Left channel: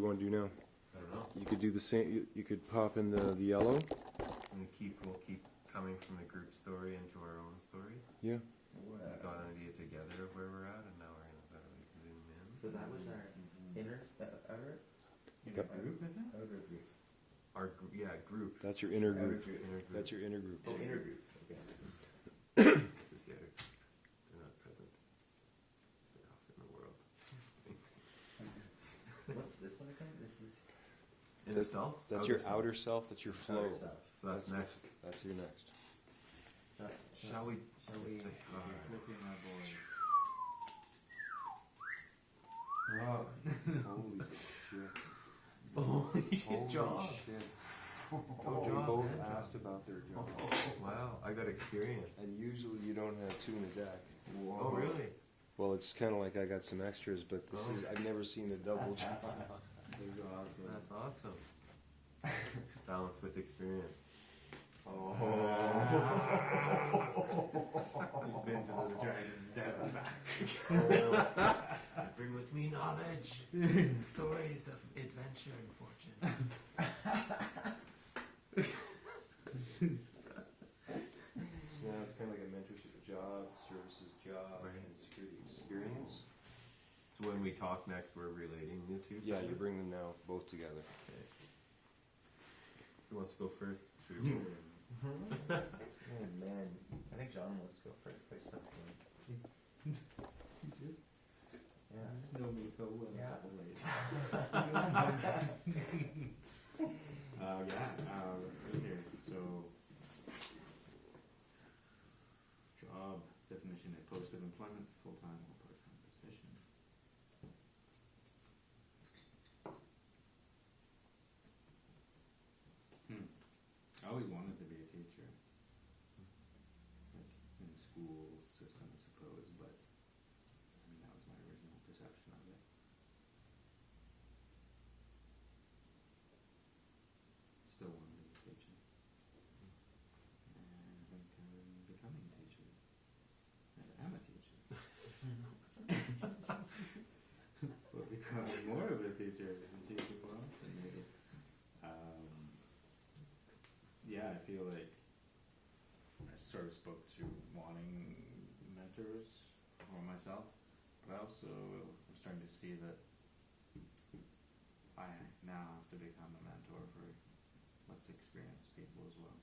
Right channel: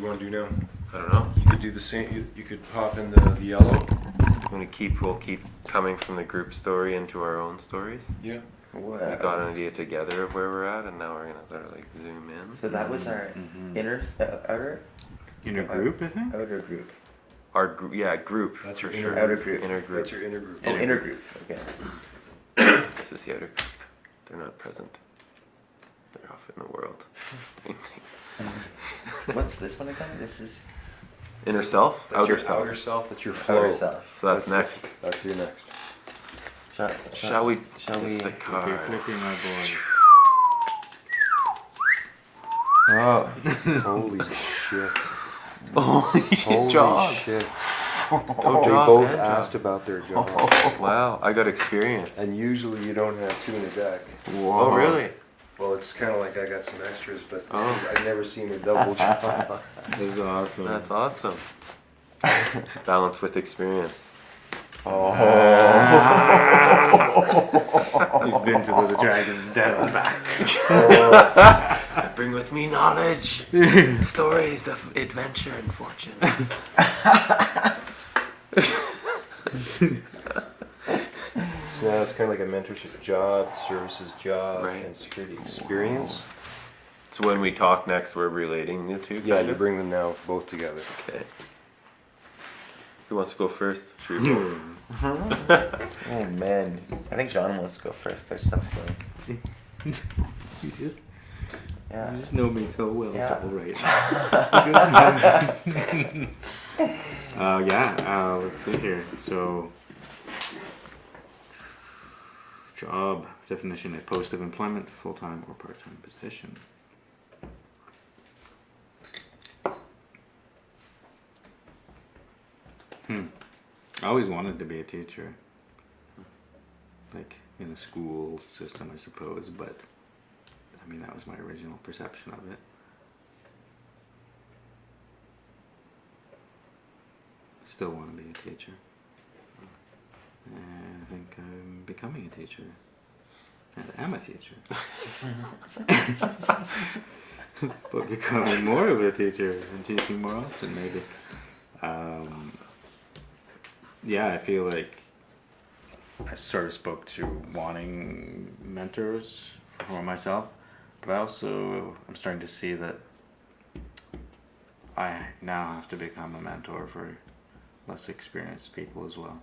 do you want to do now? I don't know. You could do the same. You could hop in the yellow. We'll keep coming from the group story into our own stories. Yeah. We got an idea together of where we're at, and now we're gonna sort of like zoom in. So that was our outer group, I think. outer group. Our group, yeah, group. That's for your sure. outer group. Inner group. That's your inner group. Oh, inner group. Okay. This is the outer group. They're not present. They're off in the world. doing things. What's this one again? This is Inner self, That's outer your self. outer self. That's your flow. outer self. So that's next. That's your next. Shall we? Shall we? It's the card. You're flipping my boys. Oh. Holy shit. Holy Holy job. shit. Oh, They job both and asked job. about their job. Oh, wow, I got experience. And usually you don't have two in a deck. Oh, really? Well, it's kind of like I got some extras, but this Oh. is, I've never seen a double draw. This is awesome. That's awesome. Balance with experience. Oh. He's been to the Dragon's Den and back. I bring with me knowledge, stories of adventure and fortune. So now it's kind of like a mentorship job, services job, Right. and security experience. So when we talk next, we're relating the two. Yeah, kind you of? bring them now both together. Okay. Who wants to go first? Should we both? Oh man, I think John wants to go first. There's stuff going. You just Yeah. know me so well, Yeah. Paul, right? Let's see here. So, job definition: a post of employment, full-time or part-time position. I always wanted to be a teacher, like in a school system, I suppose. But I mean, that was my original perception of it. Still want to be a teacher. And I think I'm becoming a teacher. And am a teacher. But becoming more of a teacher and teaching more often, maybe. Yeah, I feel like I sort of spoke to wanting mentors for myself, but I also I'm starting to see that I now have to become a mentor for less experienced people as well.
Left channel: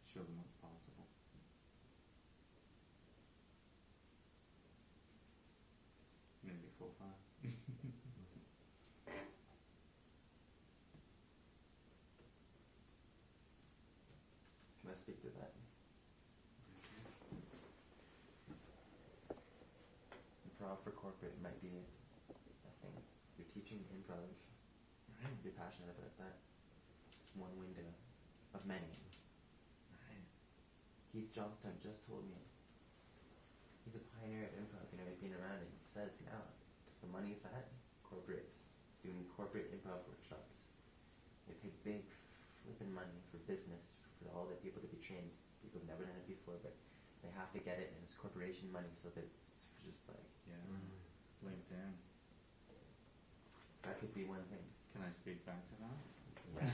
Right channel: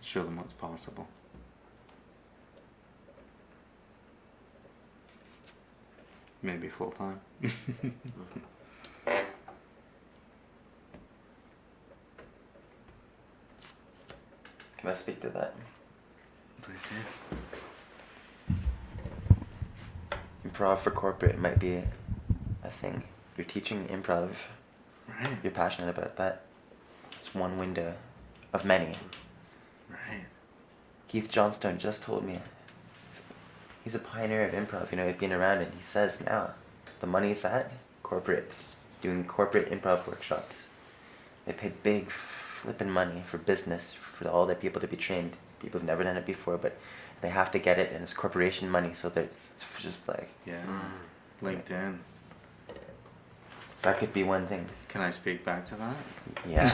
Show them what's possible. Maybe full time. Can I speak to that? Please do. Improv for corporate might be a thing. You're teaching improv. Right. You're passionate about that. It's one window of many. Right. Keith Johnstone just told me he's a pioneer of improv. You know, he'd been around it. He says now the money's at corporate, doing corporate improv workshops. They pay big flipping money for business for all their people to be trained. People have never done it before, but they have to get it, and it's corporation money. So it's just like Yeah. LinkedIn. that could be one thing. Can I speak back to that? Yeah.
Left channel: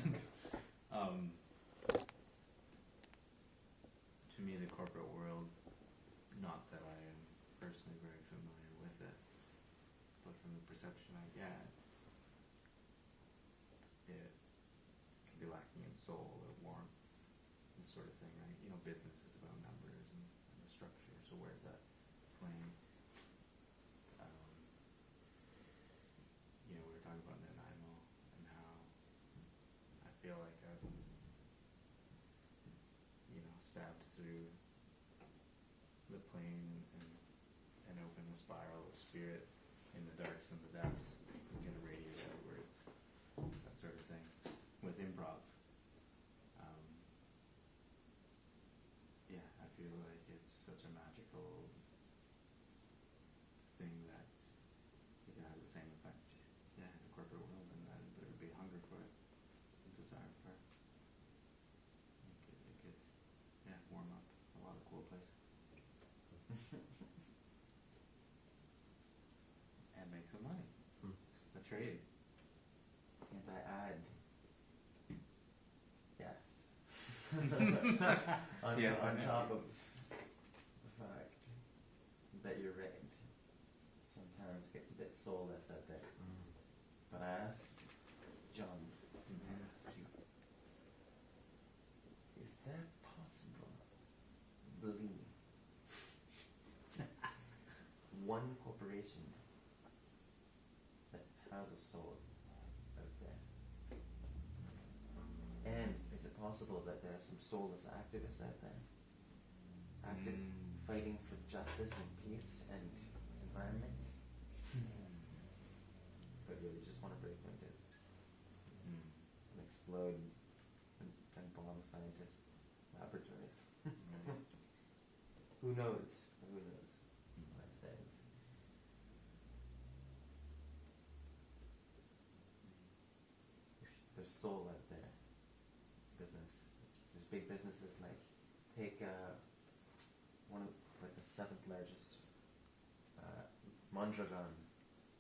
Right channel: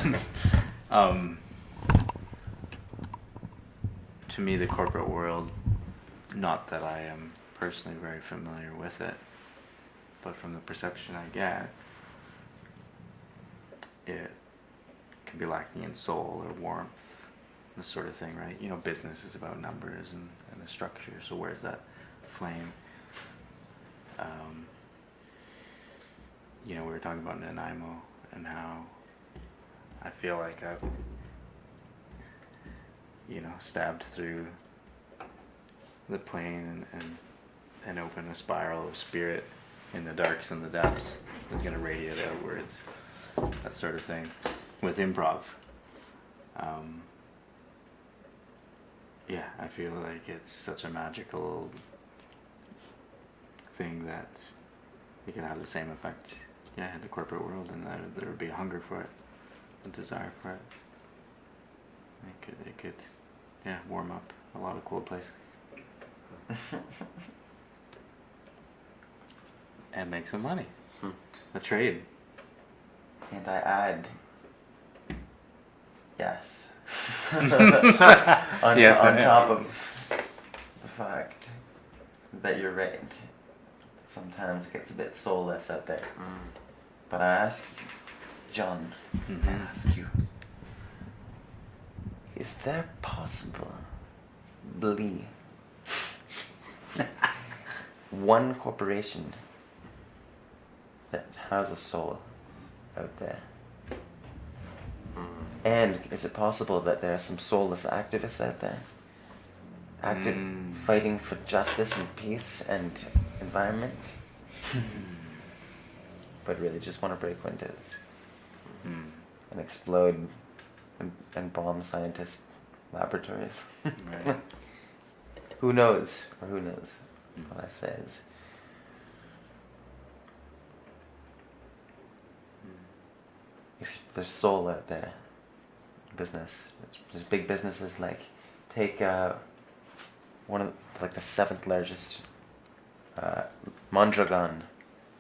To me, the corporate world, not that I am personally very familiar with it, but from the perception I get, it can be lacking in soul or warmth, this sort of thing, right? You know, business is about numbers and the structure, so where's that flame? You know, we were talking about Nanaimo and how I feel like I've, you know, stabbed through the plane and open a spiral of spirit in the darks and the depths that's going to radiate outwards, that sort of thing, with improv. Yeah, I feel like it's such a magical thing that you can have the same effect, yeah, in the corporate world, and that there would be a hunger for it, a desire for it. It could, yeah, warm up a lot of cold places. and make some money. Hmm. A trade. And I add, yes. on Yes, on I top am. of the fact that you're right. Sometimes it gets a bit soulless out there. Mm. But I ask you, John, I ask you, is there possible one corporation that has a soul out there? Mm. And is it possible that there are some soulless activists out there? Fighting for justice and peace and environment? But really just want to break windows and explode and bomb scientist laboratories. Right. Who knows? Or who knows? All I say is, if there's soul out there, business, there's big businesses like, take one of like the 7th largest, Mondragon.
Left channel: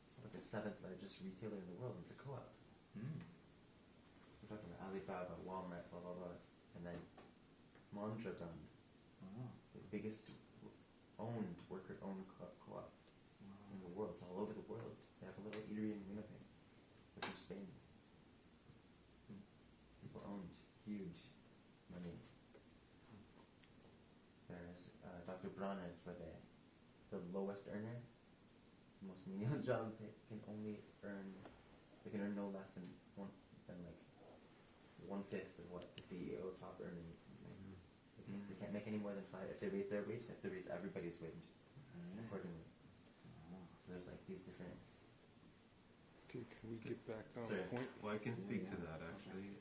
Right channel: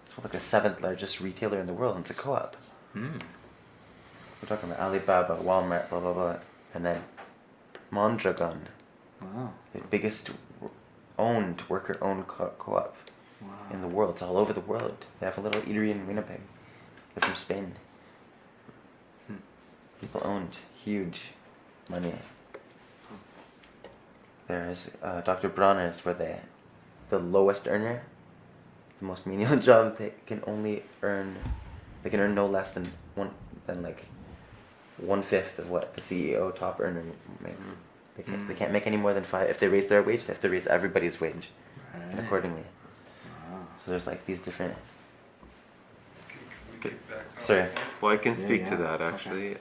It's like the 7th largest retailer in the world, and it's a co-op. Mm. We're talking about Alibaba, Walmart, blah blah blah, and then Mondragon, Wow. the biggest worker-owned co-op Wow. in the world. It's all over the world. They have a little eatery in Winnipeg. They're from Spain. People owned huge money. There's Dr. Bronner's, where the lowest earner, the most menial job, they can earn no less than like 1/5 of what the CEO top earner makes. They can't make any more than 5. If they raise their wage, they have to raise everybody's wage and Right. accordingly. Wow. So there's like these different. Okay. Sorry. Well, I can Yeah, speak to yeah. that actually.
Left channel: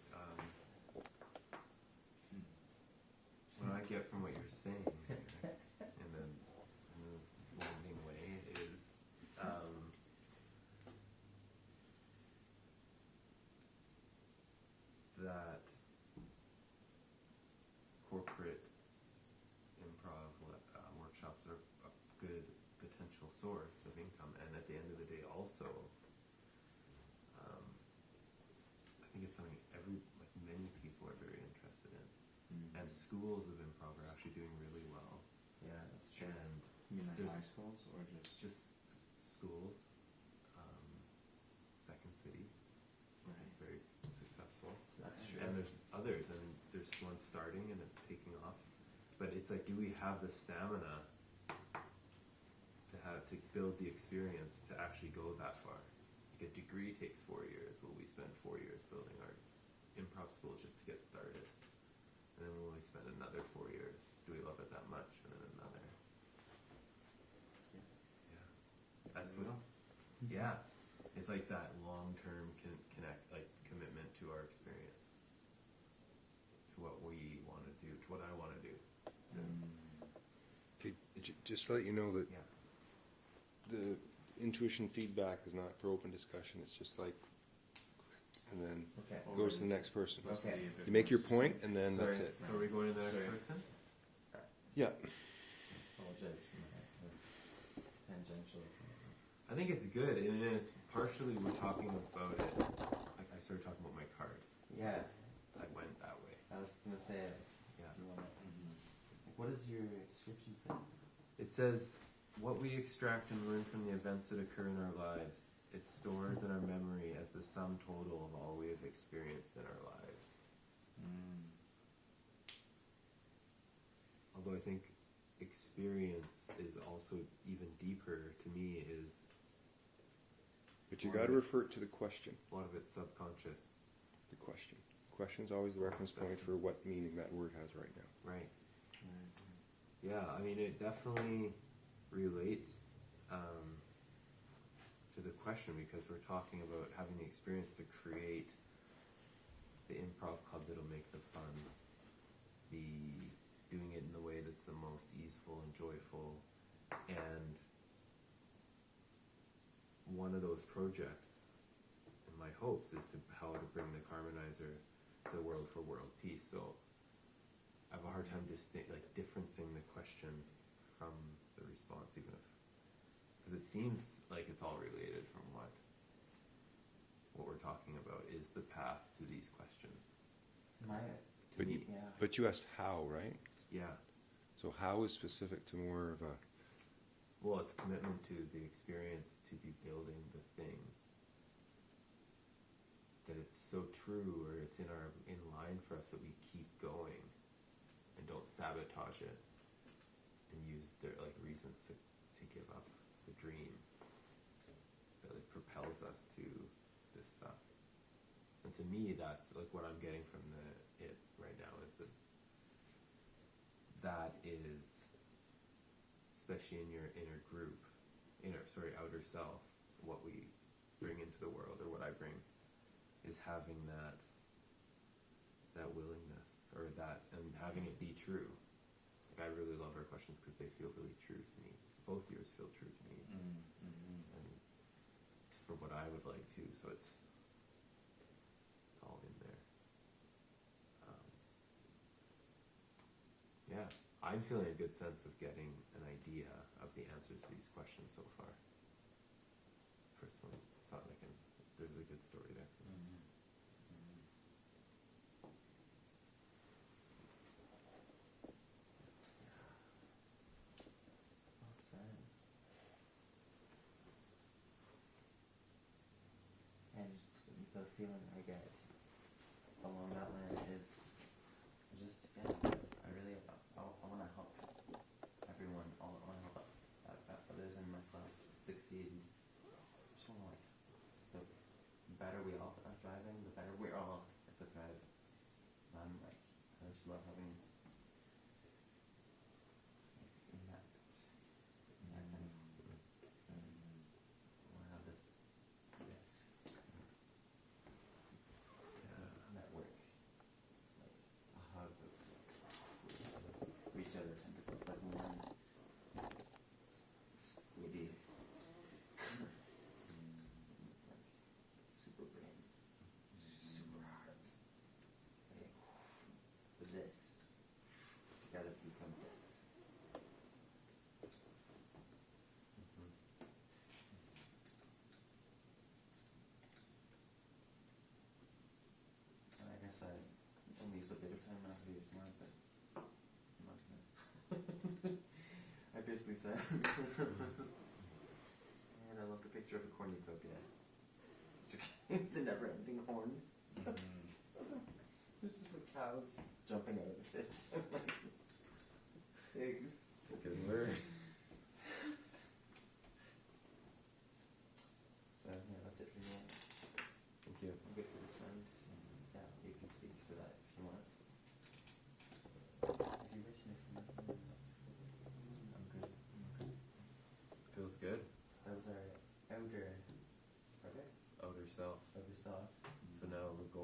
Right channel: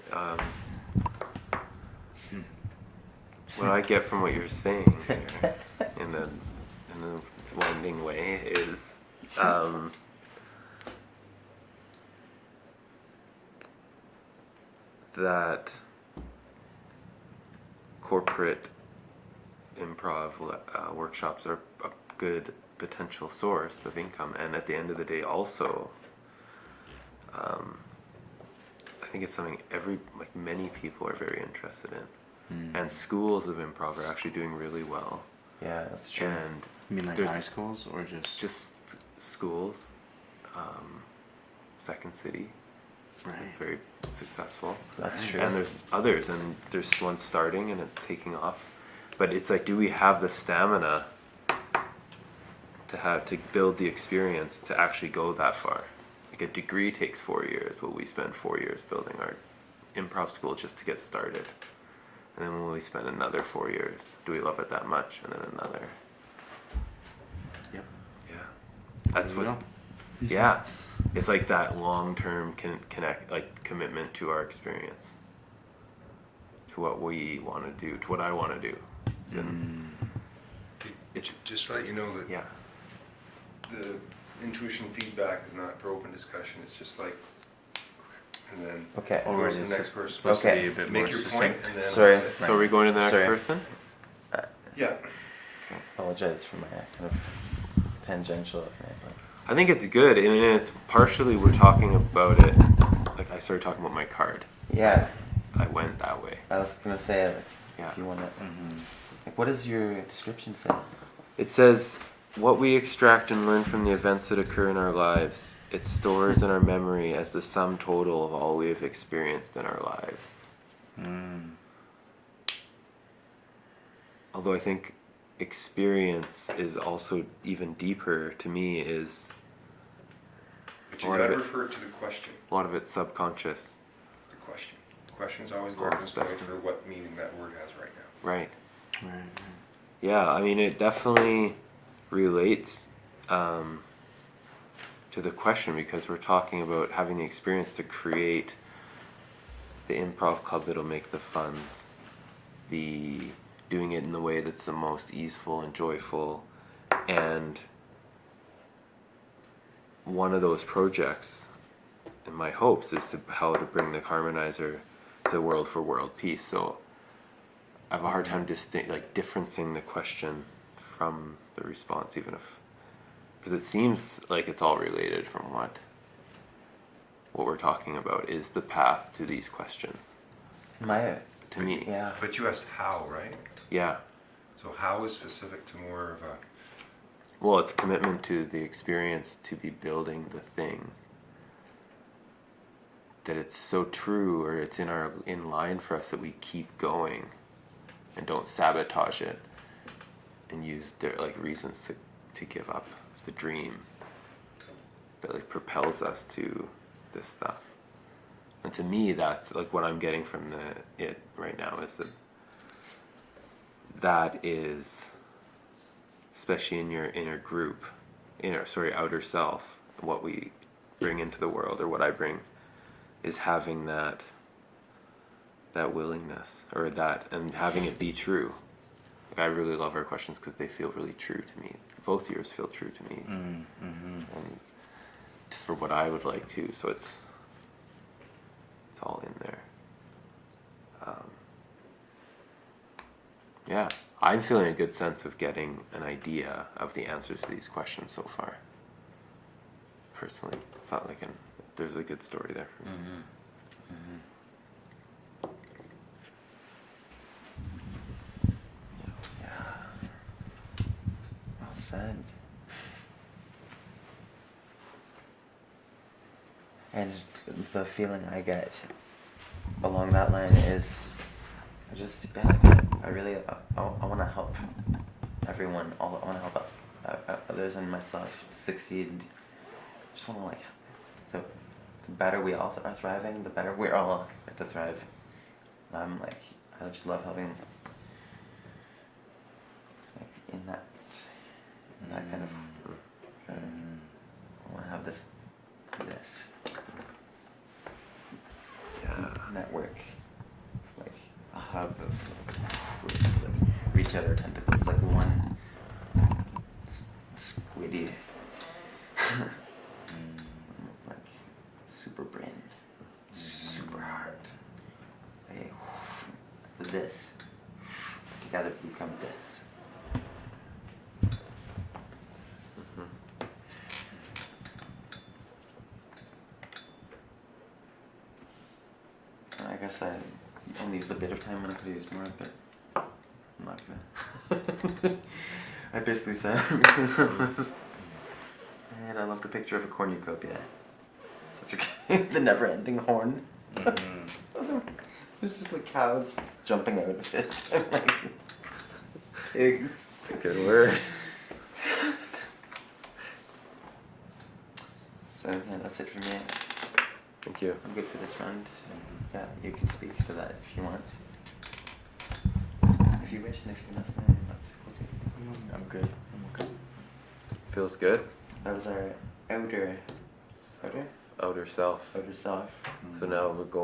What I get from what you're saying here, in a winding way, is that corporate improv workshops are a good potential source of income, and at the end of the day, also, I think it's something many people are very interested in, and schools of improv are actually doing really well, Yeah, that's true. and You mean like There's- high schools or just schools, Second City, right? very successful. That's true. And there's others, and there's one starting and it's taking off. But it's like, do we have the stamina to build the experience to actually go that far? Like a degree takes 4 years. Will we spend 4 years building our improv school just to get started? And then will we spend another 4 years? Do we love it that much? And then another. Yep. Yeah. That's There we what. go. Yeah. It's like that long-term commitment to our experience, to what we want to do, to what I want to do. It's Just let you know that yeah. the intuition feedback is not for open discussion. It's just like, and then Okay. who Or goes to is the it next person. supposed to Okay. be a bit more Make your point, succinct? and then Sorry. that's it. So are we going to the next Sorry. person? Yeah. Apologize for my kind of tangential. But I think it's good, and it's partially we're talking about it. Like I started talking about my card. yeah, I went that way. I was gonna say, like, Yeah. if you want to, Mm-hmm. like, what does your description say? It says, what we extract and learn from the events that occur in our lives, it stores in our memory as the sum total of all we have experienced in our lives. Although I think experience is also even deeper to me, is But A you lot of gotta it- refer to the question. a lot of it's subconscious. The question. The question's always All reference stuff. point for what meaning that word has right now. Right. Right. Yeah, I mean, it definitely relates to the question, because we're talking about having the experience to create the improv club that'll make the funds, the doing it in the way that's the most easeful and joyful, and one of those projects, in my hopes, is how to bring the harmonizer to world for world peace. So I have a hard time differencing the question from the response, even if, because it seems like it's all related from what we're talking about is the path to these questions. My, To me, yeah. But you asked how, right? yeah. So how is specific to more of a, Well, it's commitment to the experience to be building the thing. That it's so true, or it's in line for us that we keep going, and don't sabotage it, and use like reasons to give up the dream. That like propels us to this stuff. And to me, that's like what I'm getting from it right now is that is, especially in your inner group, outer self, what we bring into the world, or what I bring, is having that willingness, or that, and having it be true. Like I really love our questions because they feel really true to me. Both yours feel true to me, and for what I would like to. So it's all in there. Yeah, I'm feeling a good sense of getting an idea of the answers to these questions so far. Personally, it's not like there's a good story there for me. Yeah. Well said. And the feeling I get along that line is, I really, I want to help everyone. I want to help others and myself to succeed. Just want to like, so the better we all are thriving, the better we're all get to thrive. And I'm like, I just love helping. Like in that kind of. I want to have this network, like a hub of like reach out our tentacles like one squiddy like super brain, super heart. This together become this. I guess I only used a bit of time when I could have used more, but I'm not gonna. I basically said and I love the picture of a cornucopia. Such a the never-ending horn. There's just like cows jumping out of it. And like pigs. It's a good word. So yeah, that's it for me. Thank you. I'm good for this round. Yeah, you can speak to that if you want. If you wish, and if you don't, then that's cool too. I'm good. I'm okay. Feels good. That was our outer Outer self. self. So now we're going.